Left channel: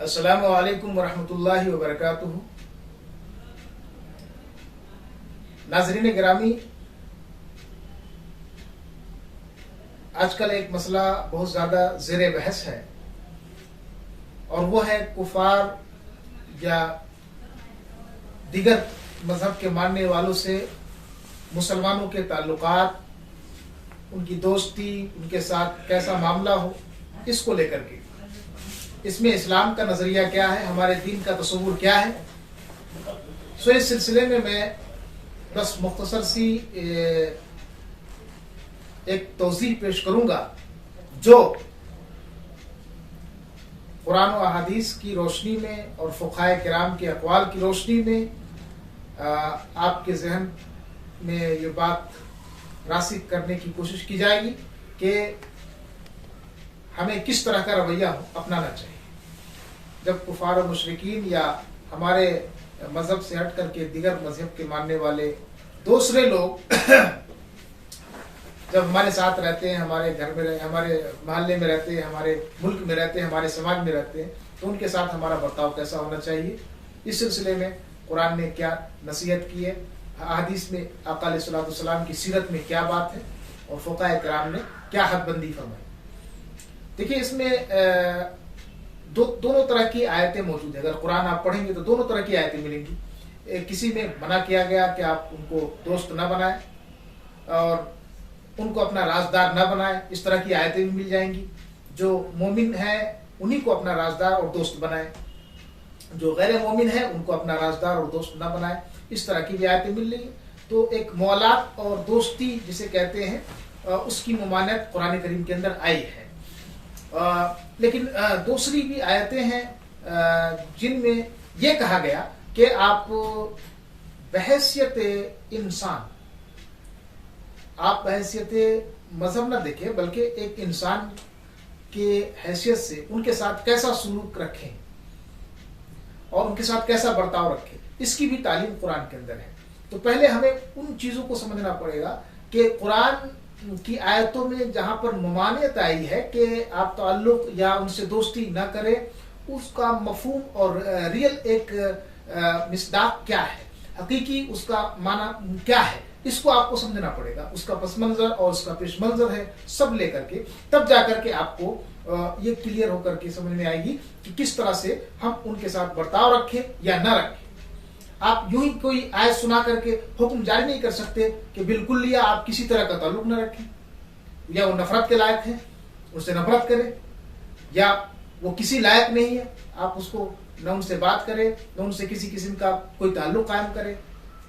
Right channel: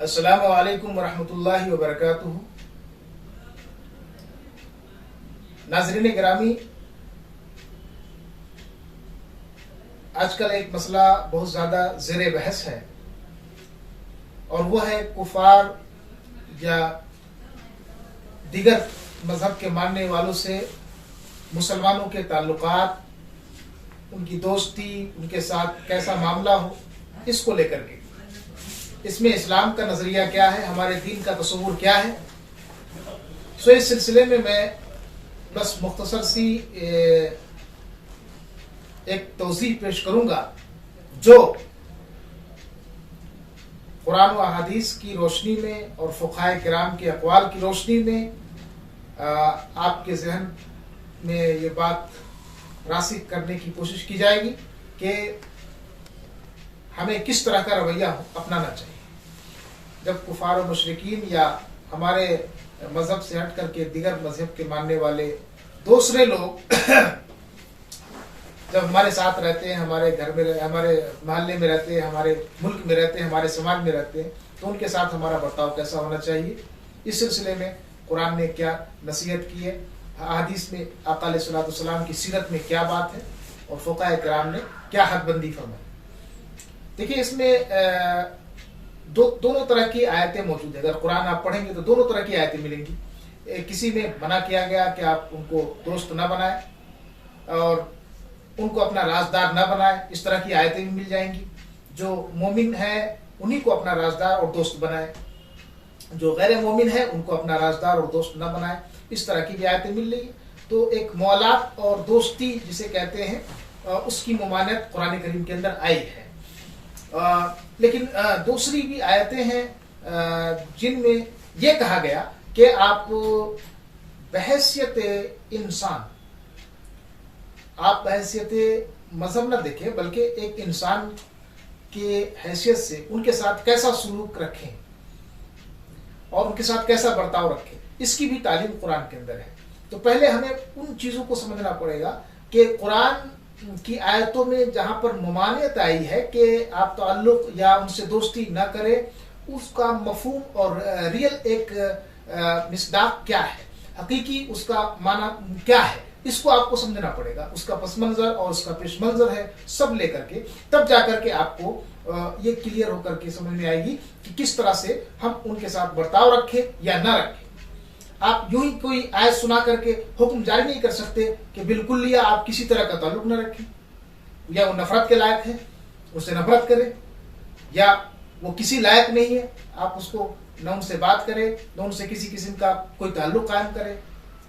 अस्सलामु अलैकुम वरहमतुल्लाहि वबरकातुहू। नाज़रीन गिरामी, आजकल एक मसला बहुत ज़्यादा ज़ेर बहस है और वो है कुफार या दीगर मजहब के मानने वालों से मुसलमानों के ताल्लुकात, उनकी दोस्ती, उनके साथ कैसा मामला हो, इसको लेकर के इसमें इस्लाम का नजरिया क्या है, हमारे दीन का तसव्वुर क्या है। सो इस सिलसिले में मैं बस मुख्तसर सी एक तौज़ीह पेश करूंगा जो कुरान व हदीस की रोशनी में और फ़ुक़हाए किराम के अक़वाल की रोशनी में आपके जहन में ये बात रासिख करने की कोशिश की जाएगी कि हमें किस तरह का रवैया अपनाना चाहिए जब कुफार और मुशरिकीन या हमारे मजहब से हट करके दिगर मजहब के मानने वाले दूसरे लोग जब हमारे साथ रहते हैं, हमारे घर में, हमारे मोहल्ले में रहते हैं, हमारे मुल्क में रहते हैं, हमारे समाज में रहते हैं, तो उनके साथ हमारा बर्ताव कैसा होना चाहिए। इस सिलसिले में कुरान ने क्या नसीहत की है, हदीस में आका अलैहिस्सलाम की सीरत में क्या बात है और फ़ुक़हाए किराम ने क्या हदबंदी फरमाई। देखिए, इसमें दोनों तरह की आयतें मौजूद है। अगर कुरान आप पढ़ेंगे तो दोनों तरह की आयतें मिलेंगी। किसी में मना किया गया कि आप उनको दोस्त न बनाए और उनको अपना राजदार न बनाए, इस तरह की आयतें भी मिल जाएंगी। जो मोमिन है उन्हीं को अपना राजदार और दोस्त बनाए, जो गैर मोमिन है उनको अपना राजदार और दोस्त न बनाए, इस तरह की भी आयतें मिल रही है। तो एक मौलात और दोस्ती जिसे कहते हैं उसकी ममानियत कुरान करीम के अंदर आई है। लेकिन दूसरी भी आयतें हैं जिनमें यह कहा गया कि आप बहैसियत इंसान, आप बहैसियत मजहब न देखें बल्कि एक इंसान के हैसियत से उनके साथ कैसा सलूक रखें और उनके साथ कैसा बर्ताव रखें, इसकी भी तालीम कुरान के अंदर है। तो पहले हमें उन चीजों को समझना पड़ेगा कि कुरान की आयतों में जहां पर ममानियत आई है कि आप ताल्लुक या उनसे दोस्ती न करें, उसका मफहूम और रियल एक मिसदाक क्या है, हकीकी उसका माना क्या है, इसको आपको समझना पड़ेगा। उसका पस मंजर और उसका पेश मंजर है, सब लेकर के तब जाकर के आपको ये क्लियर होकर के समझ में आएगी कि किस तरह से हम उनके साथ बर्ताव रखें या न रखें। आप यूं ही कोई आयत सुना करके हुक्म जारी नहीं कर सकते कि बिल्कुल लिया आप किसी तरह का ताल्लुक न रखें, या वो नफरत के लायक है उससे नफरत करें, या वो किसी लायक नहीं है आप उसको न उनसे बात करें, न उनसे किसी किस्म का कोई ताल्लुक कायम करें।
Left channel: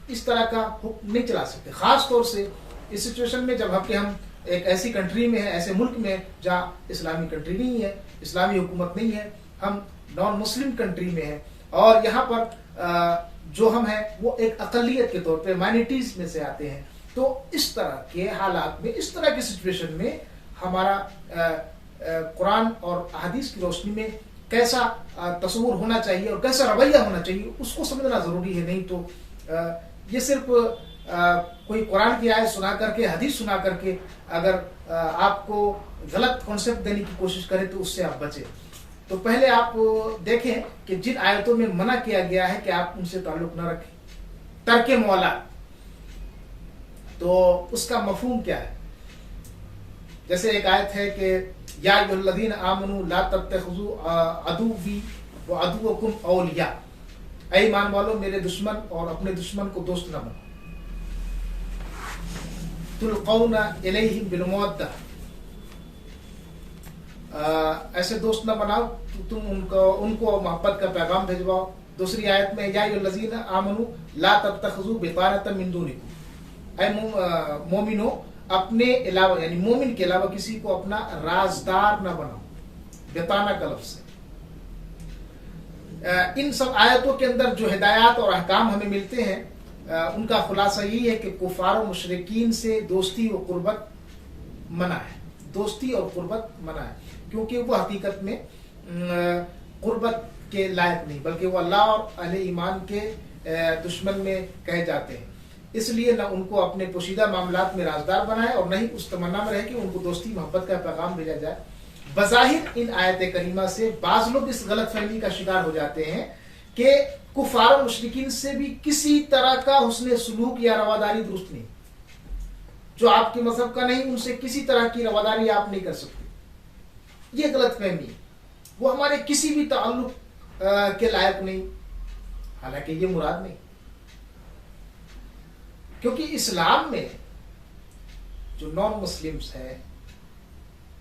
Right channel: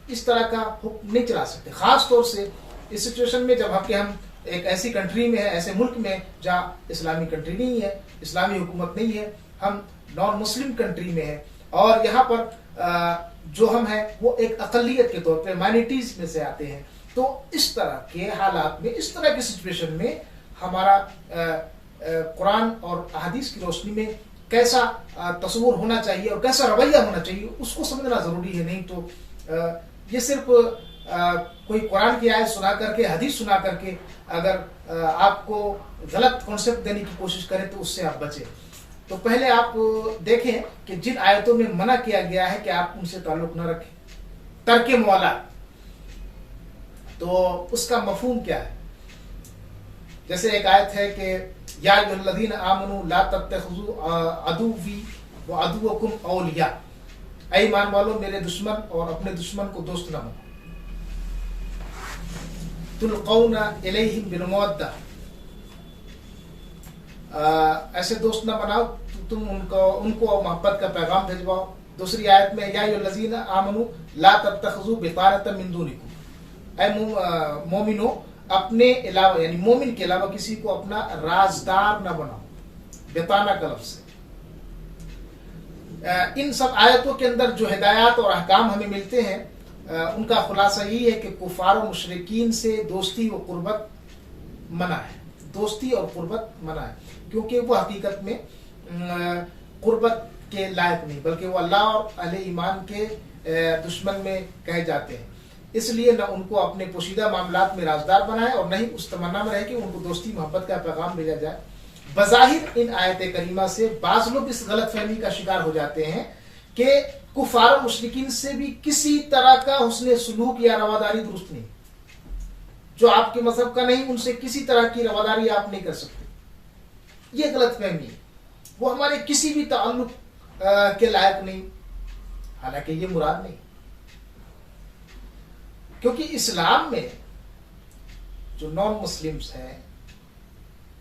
इस तरह का हुक्म नहीं चला सकते। खास तौर से इस सिचुएशन में जब हम एक ऐसी कंट्री में है, ऐसे मुल्क में जहाँ इस्लामी कंट्री नहीं है, इस्लामी हुकूमत नहीं है, हम नॉन मुस्लिम कंट्री में है और यहाँ पर जो हम हैं वो एक अकलियत के तौर पे माइनॉरिटीज में से आते हैं। तो इस तरह के हालात में, इस तरह की सिचुएशन में हमारा कुरान और हदीस की रोशनी में कैसा तस्वुर होना चाहिए और कैसा रवैया होना चाहिए, उसको समझना जरूरी है। नहीं तो ये सिर्फ कोई कुरान की आयत सुना करके, हदीस सुना करके अगर आपको गलत कॉन्सेप्ट देने की कोशिश करे तो उससे आप बचें। तो पहले आप देखें कि जिन आयतों में मना किया गया है कि आप उनसे ताल्लुक न रखें, तर्के मौला, तो उसका मफहूम क्या है। जैसे एक आयत है कि या अय्युहल्लज़ीना आमनू ला तत्तखिज़ू अदुव्वी व अदुव्वकुम औलिया, ऐ ईमान वालों मेरे दुश्मन और अपने दुश्मन को दोस्त न बनो। तुल्क़ौना इलैहिम बिल मवद्दा, ऐसे दोस्त न बनाओ तुम उनको मोहब्बत का पैगाम भेजवाओ। दूसरी आयत में या अय्युहल्लज़ीना आमनू ला तत्तखिज़ू बितानतम मिन दूनिकुम, ऐ मोमिनो अपने अलावा यानी मोमिन के अलावा किसी को अपना राजदार न बनाओ, बिताना का लफ्ज़ है। इन सब आयतों के अंदर जो हिदायत और अहकाम हमें मिलते हैं उनका खुलासा यही है कि कुफार और मुशरिकीन से दोस्ती व कुर्बत मना है, दोस्ती और कुर्बत मना है, क्योंकि वो हकीकत में कुर्बत के लायक नहीं बल्कि वो अल्लाह और अहले ईमान के दुश्मन में कहे जाते हैं। इसलिए न उनको अपने पोशीदा मामलात में राजदार बनाए और न ही उस तमन्ना में रहे कि उनको दोस्ती मोहब्बत का पैगाम भेजा जाए। बज़ाहिर इन आयत करीमा से बाज लोग इस गलत फहमी का शिकार हो जाते हैं कि कुफार और मुशरिकीन से भी किसी तरह का हुस्न सुलूक या रवादारी दुरुस्त नहीं, जो आपके मजहब का नहीं उनसे किसी तरह की रवादारी आप नहीं कर सकते। ये गलत फहमी है, वो हमारे किसी भी ताल्लुक के लायक नहीं। हालांकि ये मुराद नहीं, क्योंकि इस्लाम में जो नॉन मुस्लिम्स हैं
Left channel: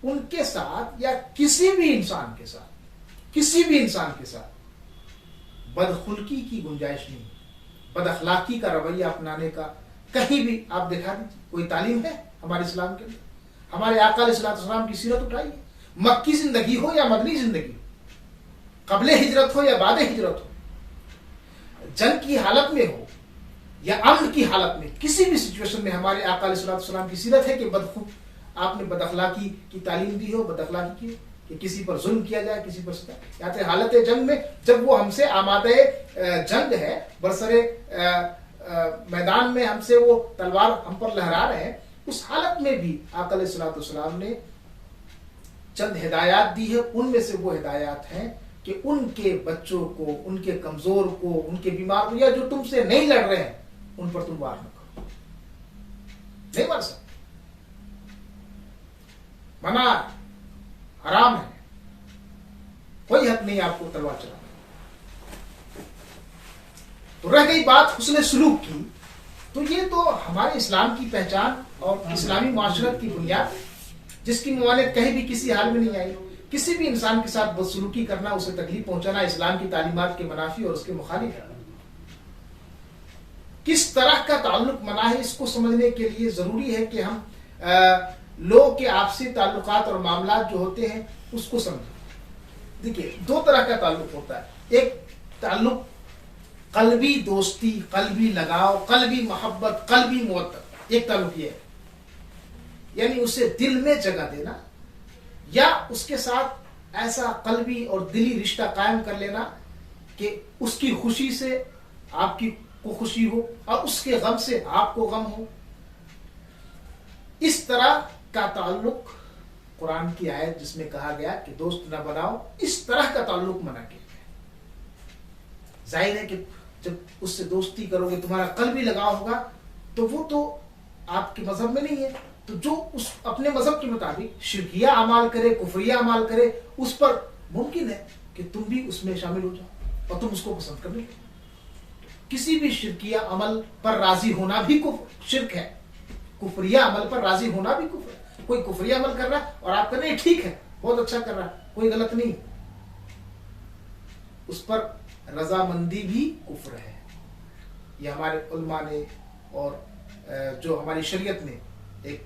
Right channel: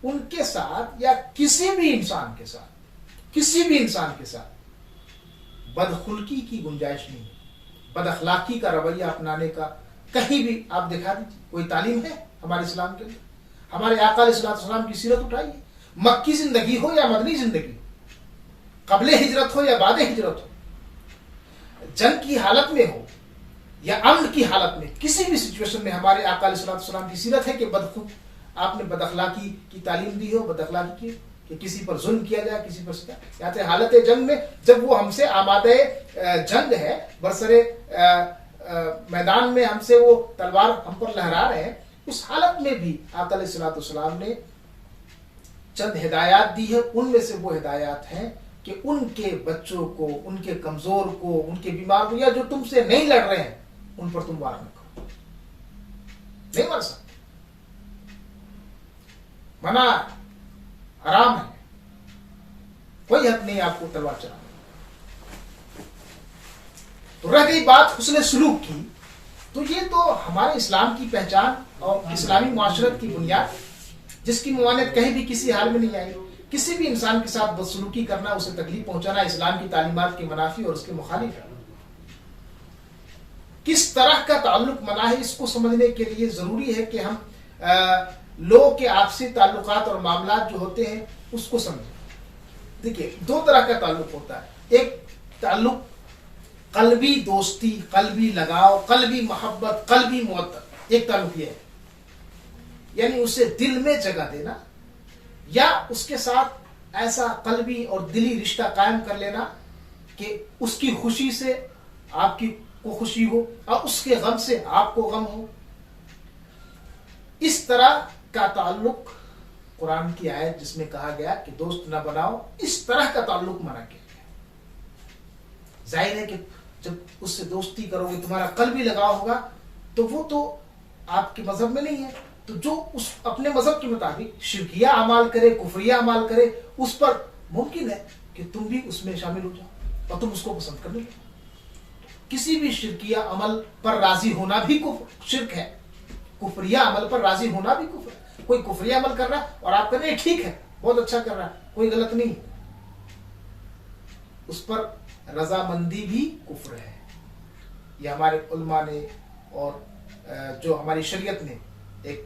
उनके साथ या किसी भी इंसान के साथ बदखुल्की की गुंजाइश नहीं है। बदअखलाकी का रवैया अपनाने का कहीं भी आप दिखा दीजिए, कोई तालीम है हमारे इस्लाम के अंदर? हमारे आका अलैहिस्सलाम की सीरत उठाइए, मक्की जिंदगी हो या मदनी जिंदगी, कबले हिजरत हो या बादे हिजरत हो, जंग की हालत में हो या अमन की हालत में, किसी भी सिचुएशन में हमारे आका अलैहिस्सलाम की सीरत है कि आपने बदअखलाकी की तालीम दी हो, बदअखलाकी की कि किसी पर जुल्म किया जाए, किसी पर सता। या तो हालत जंग में जब वो हमसे आमादे जंग है, बरसरे मैदान में हमसे वो तलवार हम पर लहरा रहे हैं, उस हालत में भी आका अलैहिस्सलाम ने चंद हिदायत दी है। उनमें से वो हिदायत हैं कि उनके बच्चों को, उनके कमजोर को, उनके बीमार को, या जो तुमसे नहीं लड़ रहे हैं उन पर तुम वार न करो। नहीं मार सकते, मना, हराम है, कोई हक नहीं आपको तलवार चलाने। तो रह गई बात हुस्न सुलूक की, तो ये तो हमारे इस्लाम की पहचान और इस्लामी मुआशरत की बुनियाद, जिसकी मुआनत कहीं भी किसी हाल में नहीं आई। किसी भी इंसान के साथ बदसलूकी करना, उसे तकलीफ पहुंचाना इस्लाम की तालीमात के मुनाफी और उसके मुखालिफ है। किस तरह का ताल्लुक मना है, इसको समझने के लिए जरूरी है कि हम लोगों के आपसी ताल्लुकात और मामलात जो होते हैं उसको समझें। देखिए, दो तरह का ताल्लुक होता है। एक ताल्लुक कल्बी दोस्ती, कल्बी लगाव, कल्बी मोहब्बत, कल्बी मुवद्दत, एक ताल्लुक ये है, यानी उसे दिल में जगह देना या उसके साथ ऐसा कल्बी और दिली रिश्ता कायम कर लेना कि उसकी खुशी से आपकी को खुशी हो और उसके गम से आपको गम हो। इस तरह का ताल्लुक, कुरान की आयत जिसमें कहा गया कि दोस्त न बनाओ, इस तरह का ताल्लुक मना किया गया। जाहिर है कि जब उससे दोस्ती करोगे, तुम्हारा कल्बी लगाव होगा, तो वो तो आपके मजहब में नहीं है। तो जो उस अपने मजहब के मुताबिक शिरकिया अमाल करे, कुफरिया अमाल करे, उस पर मुमकिन है कि तुम भी उसमें शामिल हो जाओ और तुम उसको पसंद करने लगो। किसी भी शिरकिया अमल पर राजी होना भी शिर्क है, कुफरिया अमल पर राजी होना भी कुफर है। कोई कुफरिया अमल कर रहा है और आप कर रहे हैं, ठीक है, बहुत अच्छा कर रहा है, कोई गलत नहीं, उस पर रजामंदी भी कुफ्र है। यह हमारे उलमा ने और जो हमारी शरीयत ने एक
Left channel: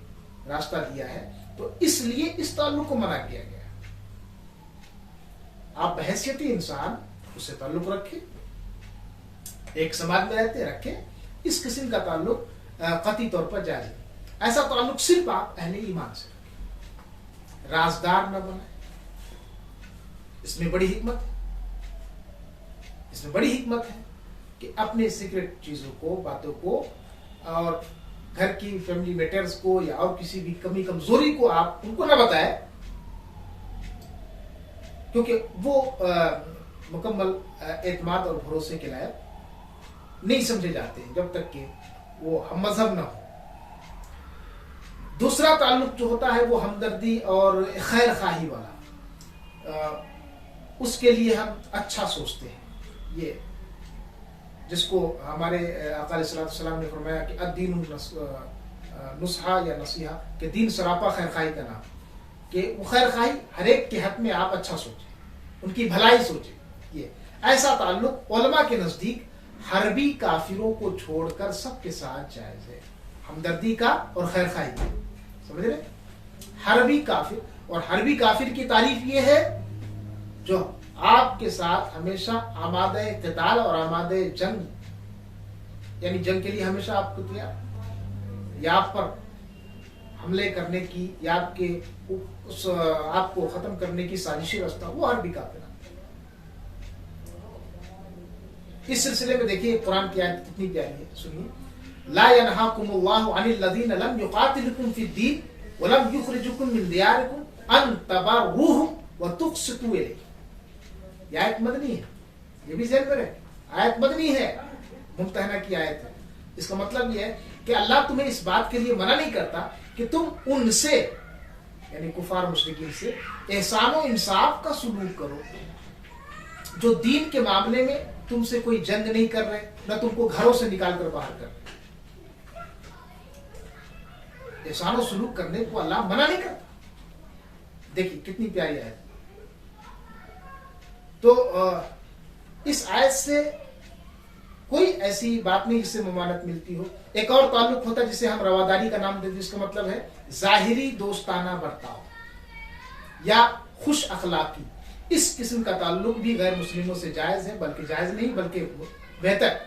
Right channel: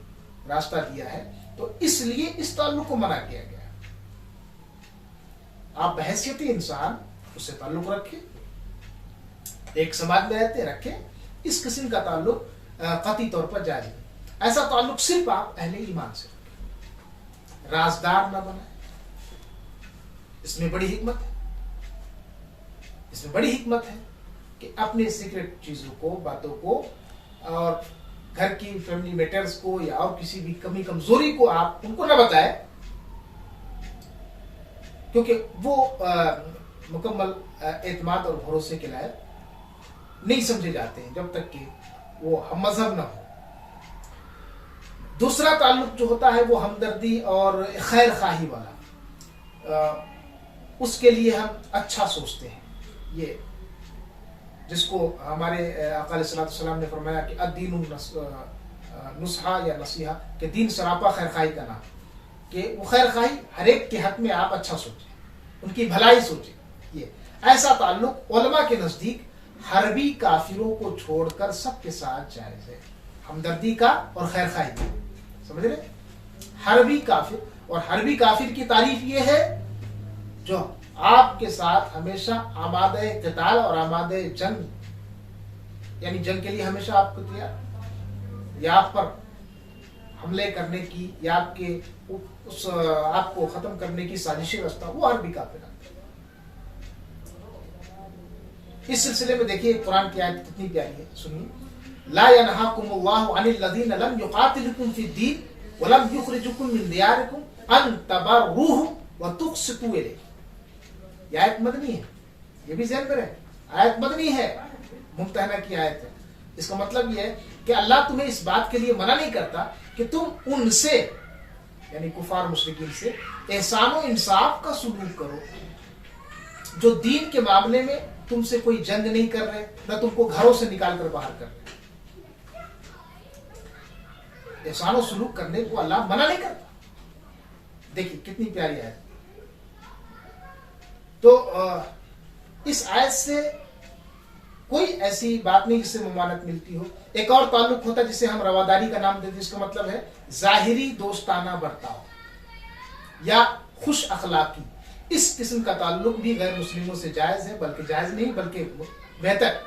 रास्ता दिया है, तो इसलिए इस ताल्लुक को मना किया गया। आप बहैसियती इंसान उससे ताल्लुक रखें, एक समाज में रहते रखें, इस किस्म का ताल्लुक कतई तौर पर जायज है। ऐसा ताल्लुक सिर्फ आप अहले ईमान से रखें, राजदार न बनाए। इसमें बड़ी हिकमत है, इसमें बड़ी हिकमत है कि अपने सीक्रेट चीजों को, बातों को और घर की फैमिली मैटर्स को या और किसी भी कमी कमजोरी को आप उनको न बताएं, क्योंकि वो मुकम्मल एतमाद और भरोसे के लायक नहीं समझे जाते हैं जब तक कि वो हम मजहब न हो। दूसरा ताल्लुक जो होता है वो हमदर्दी और खैर खाही वाला, उसके लिए हम अच्छा सोचते हैं। ये जिसको हमारे आका अलैहिस्सलाम ने फरमाया कि अद्दीनु नुस्हा या नसीहा, कि दीन सरापा खैर खाही का नाम, कि वो खैर खाही हर एक के हक में आप अच्छा सोचें, उनकी भलाई सोचें। ये ऐसा ताल्लुक उलमा के नजदीक हरबी काफिरों को छोड़कर सबके साथ जायज है, हमदर्दी का और खैर खाही का। समझ रहे? हरबी काफिर, और हरबी काफिर की तारीफ ये है जो आपके साथ हमेशा आमादे क़िताल और आमादे जंग, यानी जंग के लिए हमेशा आपको तैयार, या आप पर हमले करने की या आपके आपको खत्म करने की साजिशी रचता, वो हरबी काफिर आते हैं। इस सिलसिले में देखिए कुरान की आयत कितनी प्यारी है, सुनिए। ला यनहाकुमुल्लाहु अनिल लज़ीना लम युक़ातिलुकुम फ़िद्दीन व लम युख़रिजुकुम मिन दियारिकुम अन तबर्रुहु व तुक़सितू इलैहि। यह आयत मदनी है, ये भी ज़हन में रहे, आयत मदनी है, मुम्तहना की आयत है। इसका मतलब यह है कि अल्लाह तुम्हें इस बात के लिए मना नहीं करता कि तुम उनसे यानी कुफार मुशरिकीन से एहसान और इंसाफ का सुलूक करो, जो दीन के मामले में तुमसे कोई जंग नहीं कर रहे, न तुमको घरों से निकाल कर बाहर कर रहे। एहसान और सुलूक करने को अल्लाह मना नहीं करता। देखिए कितनी प्यारी आयत। तो इस आयत से कोई ऐसी बात नहीं जिससे ममानत मिलती हो। एक और ताल्लुक होता है जिसे हम रवादारी का नाम देते हैं, जिसका मतलब है जाहिरी दोस्ताना बर्ताव या खुश अखलाकी। इस किस्म का ताल्लुक भी गैर मुस्लिमों से जायज है, बल्कि जायज नहीं बल्कि बेहतर,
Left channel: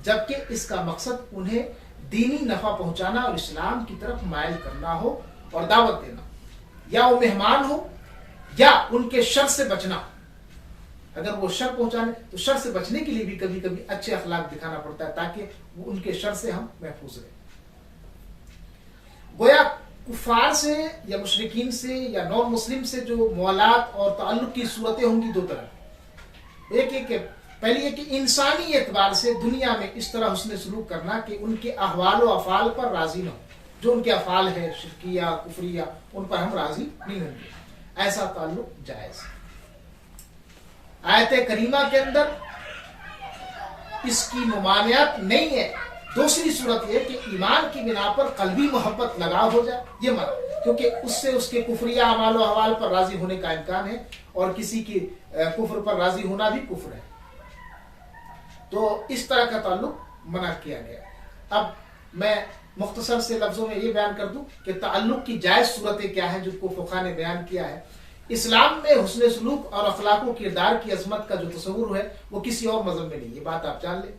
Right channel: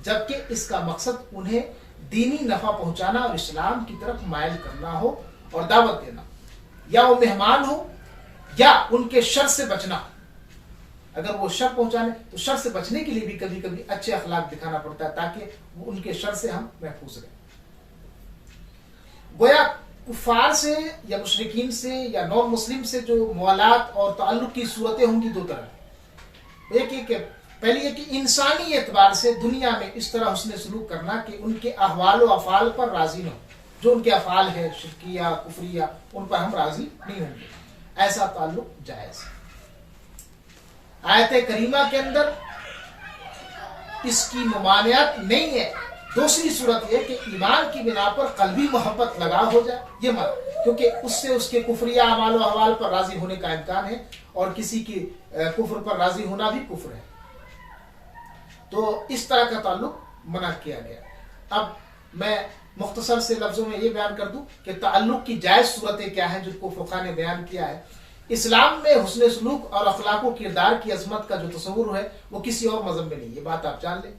जबकि इसका मकसद उन्हें दीनी नफा पहुंचाना और इस्लाम की तरफ मायल करना हो और दावत देना, या वो मेहमान हो या उनके शर से बचना। अगर वो शर पहुंचाने तो शर से बचने के लिए भी कभी कभी अच्छे अखलाक दिखाना पड़ता है, ताकि वो उनके शर से हम महफूज रहें। गोया कुफार से या मुशरिकीन से या नॉन मुस्लिम से जो मुआलात और ताल्लुक की सूरतें होंगी दो तरह। एक पहली है कि इंसानी एतबार से दुनिया में इस तरह हुस्न सलूक करना कि उनके अहवाल व अफाल पर राजी न हो। जो उनके अफाल है शिरकिया कुफरिया, उन पर हम राजी नहीं होंगे, ऐसा ताल्लुक जायज है। आयत करीमा के अंदर इसकी ममानियत नहीं है। दूसरी सूरत यह कि ईमान की बिना पर कल्बी मोहब्बत लगाव हो जाए, ये मत, क्योंकि उससे उसके कुफरिया अमाल व अहवाल पर राजी होने का इम्कान है, और किसी की कुफ्र पर राजी होना भी कुफ्र है। तो इस तरह का ताल्लुक मना किया गया। अब मैं मुख्तसर से लफ्जों में ये बयान कर दूं कि ताल्लुक की जायज सूरतें क्या है, जिनको फुक़हा ने बयान किया है। इस्लाम में हुस्न सलूक और अखलाक व किरदार की अजमत का जो तस्वुर है वो किसी और मज़हब में नहीं। ये बात आप जान लें।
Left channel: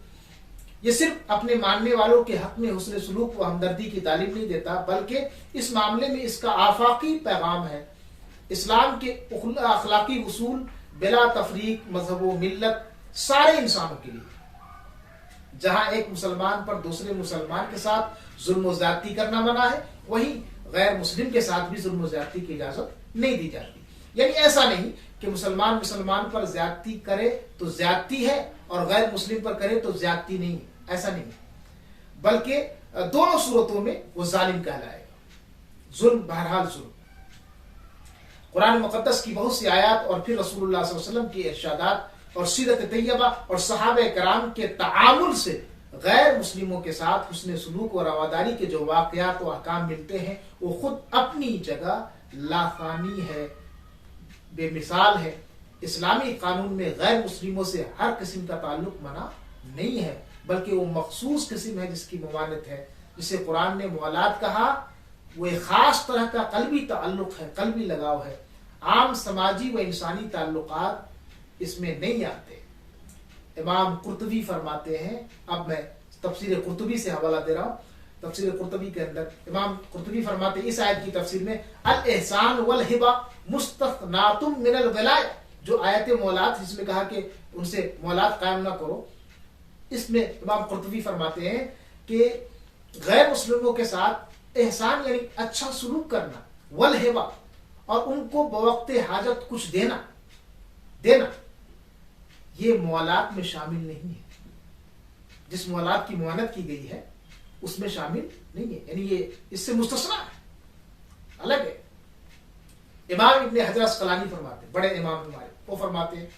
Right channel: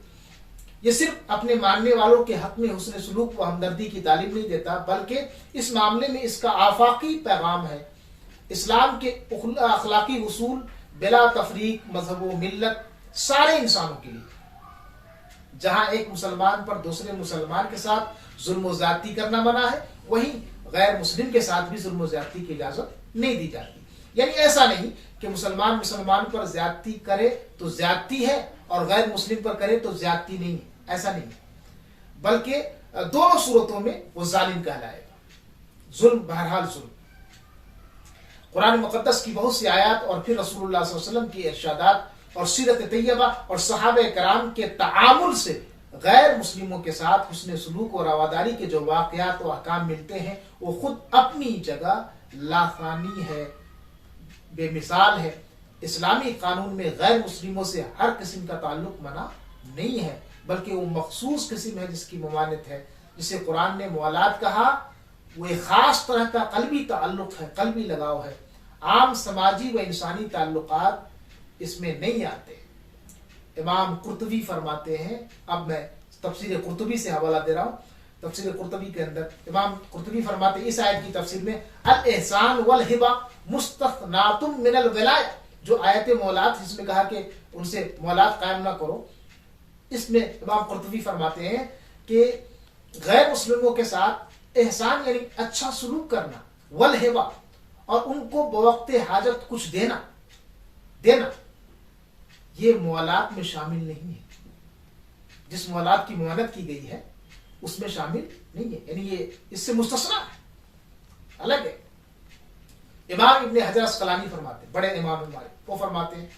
ये सिर्फ अपने मानने वालों के हक में हुस्न सलूक व हमदर्दी की तालीम नहीं देता, बल्कि इस मामले में इसका आफाकी पैगाम है। इस्लाम के अखलाकी उसूल बिला तफरीक मजहब व मिल्लत सारे इंसानों के लिए, जहां एक मुसलमान पर दूसरे मुसलमान के साथ जुल्म व ज्यादती करना मना है, वहीं गैर मुस्लिम के साथ भी जुल्म व ज्यादती की इजाजत नहीं दी जाती। यानी ऐसा नहीं कि मुसलमान मुसलमान पर ज्यादती करे तो ज्यादती है और गैर मुस्लिम पर करे तो ज्यादती नहीं है, ऐसा नहीं, बल्कि दोनों सूरतों में वो जालिम कहलाएगा। जुल्म बहरहाल जुल्म। कुरान मुकद्दस की बहुत सी आयत और फिर रसूलुल्लाह सल्लल्लाहु अलैहि वसल्लम की इरशादात और सीरत तैयबा और सहाबे कराम के तामुल से गैर मुस्लिमों के साथ हुस्न सलूक और रवादारी के जो वाकयात और अहकाम मिलते हैं, वो खुद अपनी जगह लाफानी है, बेमिसाल है। इस्लामी कानून में गैर मुस्लिमों से हर किस्म का ताल्लुक मना नहीं है, बल्कि वो मखसूस किस्म है जिसकी ममानत है। जिसे कुरान ने मुआलात कहा, वो एक खास तरह का कल्बी ताल्लुक है, कल्बी लगाव है। आम समाजी व इंसानी ताल्लुकात इसमें नहीं आते। इमाम कुर्तुबी फरमाते हैं, अब मैं तफसीर कुर्तुबी से हवाला दे रहा हूँ। तफसीर कुर्तुबी के अंदर इमाम कुर्तुबी फरमाते इस आयत की तफसीर में, अल एहसान वल हिबा मुस्तथनातुम मिनल विलाया, जो आयत मौलात जिसमें कहा कि उनसे मौलात कायम ना करो, इसमें इमाम कुर्तुबी फरमाते हैं कि गैर मुस्लिमों के साथ एहसान यानी अच्छा सलूक करना, वल हिबा और उनको बवक्ते हाजत कुछ देना, ये मुआलात में शामिल नहीं है। जिस मुआलात की मुआनत की गई है उसमें शामिल नहीं है, यानी ये इससे मुस्तस्ना है, अलग है। इमाम इब्ने हजर अस्कलानी फरमाते, बड़े इमाम हमारे, वो फरमाते हैं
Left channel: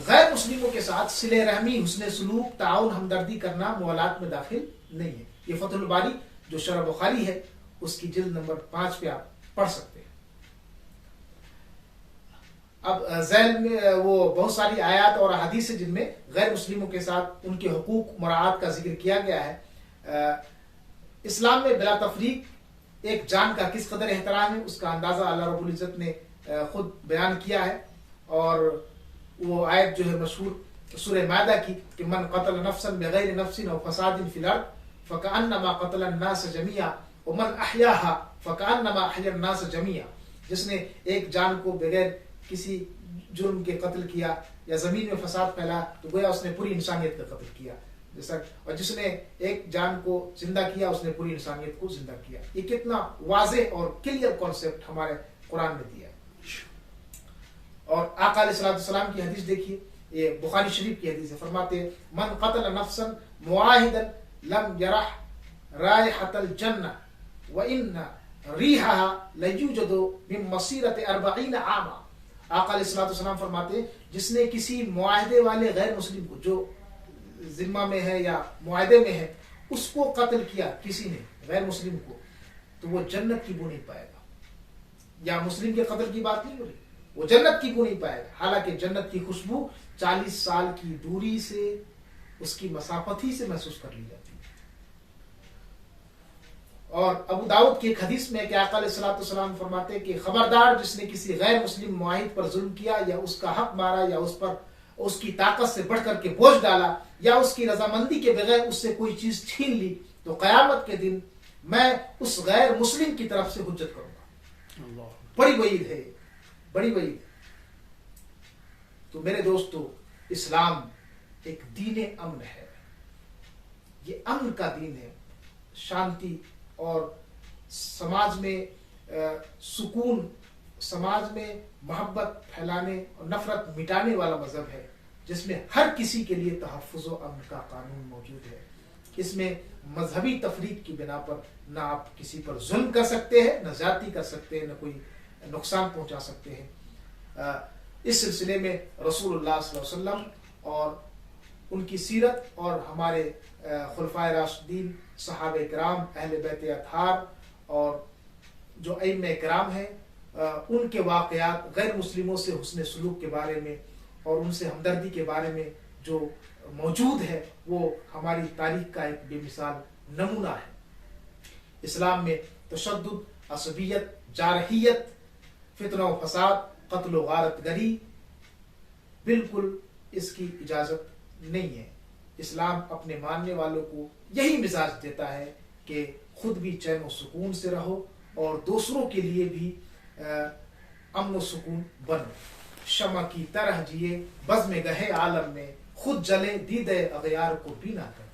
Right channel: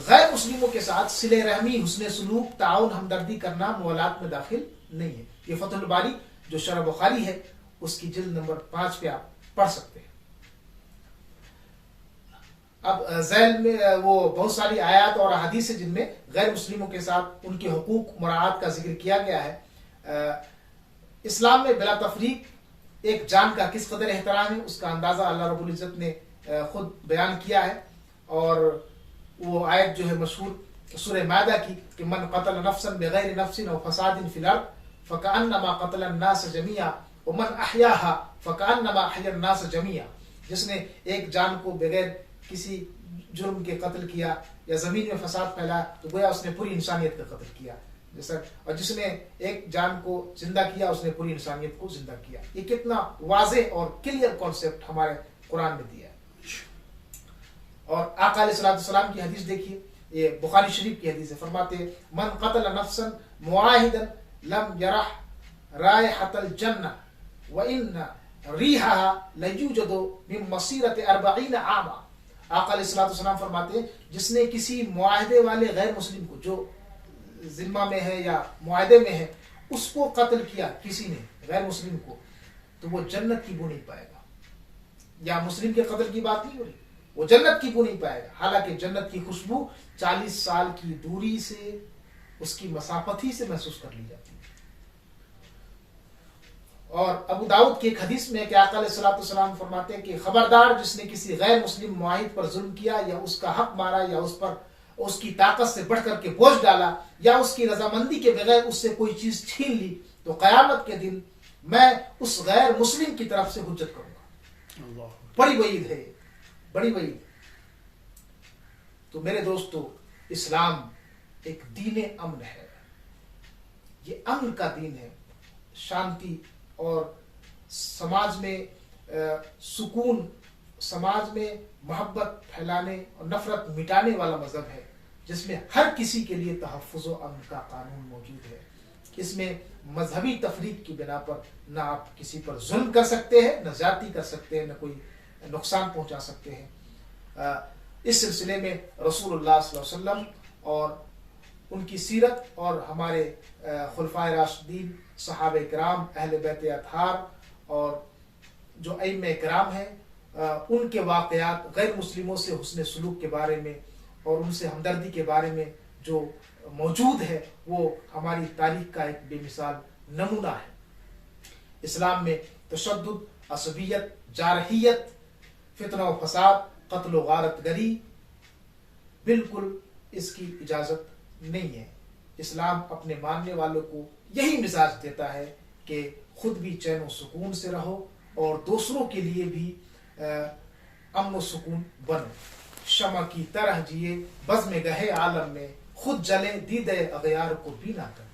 गैर मुस्लिमों के साथ सिले रहमी, हुस्न सलूक, ताउन, हमदर्दी करना मुआलात में दाखिल नहीं है। ये फतहुल बारी जो शरह बुखारी है उसकी जिल्द नंबर 5 पे आप पढ़ सकते हैं। अब ज़ैल में वो बहुत सारी आयत और हदीस है जिनमें गैर मुस्लिमों के साथ उनके हुकूक मुराआत का जिक्र किया गया है। इस्लाम में बिला तफरीक एक जान का किस कदर एहतराम है, उसका अंदाजा अल्लाह रब्बुल इज्जत ने खुद बयान किया है। और वो आयत जो है मशहूर सूरह मायदा की कि मन क़तल नफ्सन बिग़ैरि नफ्सिन व फ़सादिन फ़िल अर्ज़ फ़कअन्नमा क़तल अन्नास जमीआ व मन अहयाहा फ़कअन्नमा अहया अन्नास जमीआ, जिसने एक जान को बगैर किसी जुर्म के कत्ल किया या जमीन में फसाद फैलाया तो गोया उसने पूरी इंसानियत का कत्ल किया जैसा, और जिसने एक जान को जिंदा किया उसने पूरी इंसानियत को जिंदा किया। ये कितना वाज़ेह और क्लियर कॉन्सेप्ट हमारे कुरान में दिया है। और आका अलैहिस्सलाम की हदीस देखिए, ये बुखारी शरीफ की हदीस है, फरमाते हैं मन क़तल नफ्सन मुआहिदन लम यरह रायहतल जन्नह व इन्ना रीहा लयूजदु मिन मसीरत 40 आमा। आका अलैहिस्सलाम फरमाते हैं जिसने किसी मुआहिदे वाले गैर मुस्लिम को, जो जिम्मा में है या मुआहिदे में है, उसको कत्ल किया किसी ने गैर मुस्लिम को, तो वो जन्नत की बू नहीं पाएगा। या मुस्लिम के कत्ल की बात नहीं हो रही, वो जन्नत की बू नहीं पाएगा। हालांकि जन्नत की खुशबू 40 साल की दूरी से, उसकी मसाफत ही से महसूस कर ली जाती है। और अबू दाऊद की एक हदीस में कि आका अलैहिस्सलाम फरमाते हैं कि खबरदार जिसने किसी गैर मुस्लिम मुआहिद पर जुल्म किया या उसका हक मारा या उस पर उसकी ताकत से बढ़कर के बोझ डाला या उसकी रजामंदी के बगैर उससे कोई चीज छीन ली, तो कयामत के दिन मैं उस गैर मुस्लिम की तरफ से हुज्जत करूंगा। बड़ी वईद है, बड़ी वईद। तो मेरे दोस्तों, इस्लाम एक दीन अमन है, ये अमन का दीन है, शांति और समाज में सुकून, समाज में मोहब्बत फैलाने और नफरत मिटाने वाला मजहब है, जिसमें हर किसी के लिए तहफ़्फ़ुज़ व अमन का कानून मौजूद है। इसमें मजहबी तफरीक की बिना पर ना आप किसी पर जुल्म कर सकते हैं, न ज्यादती कर सकते हैं, न कोई नुकसान पहुंचा सकते हैं। इस सिलसिले में रसूलुल्लाह सल्लल्लाहु अलैहि वसल्लम और उनकी सीरत और हमारे खुलफाए राशिदीन, सहाबे किराम, अहले बैत अतहार और जो अइम्मे किराम हैं, उनके वाक़यात, गैर मुस्लिमों से हुस्न सलूक के बारे में और उनसे हमदर्दी के बारे में जो मौजूद है, वो हमारी तारीख का एक बेमिसाल नमूना है। इस्लाम में तशद्दुद, असबियत, जारहियत, फितना व फसाद, कत्ल व गारत गरी, बिल्कुल इसकी इजाज़त नहीं है। इस्लाम अपने मानने वालों को यही मिजाज देता है कि खुद भी चैन व सुकून से रहो और दूसरों के लिए भी अमन व सुकून बनो। शमा की तरह जिए बज़्म गहे आलम में, खुद जले दीदे अगयार को भी ना कर।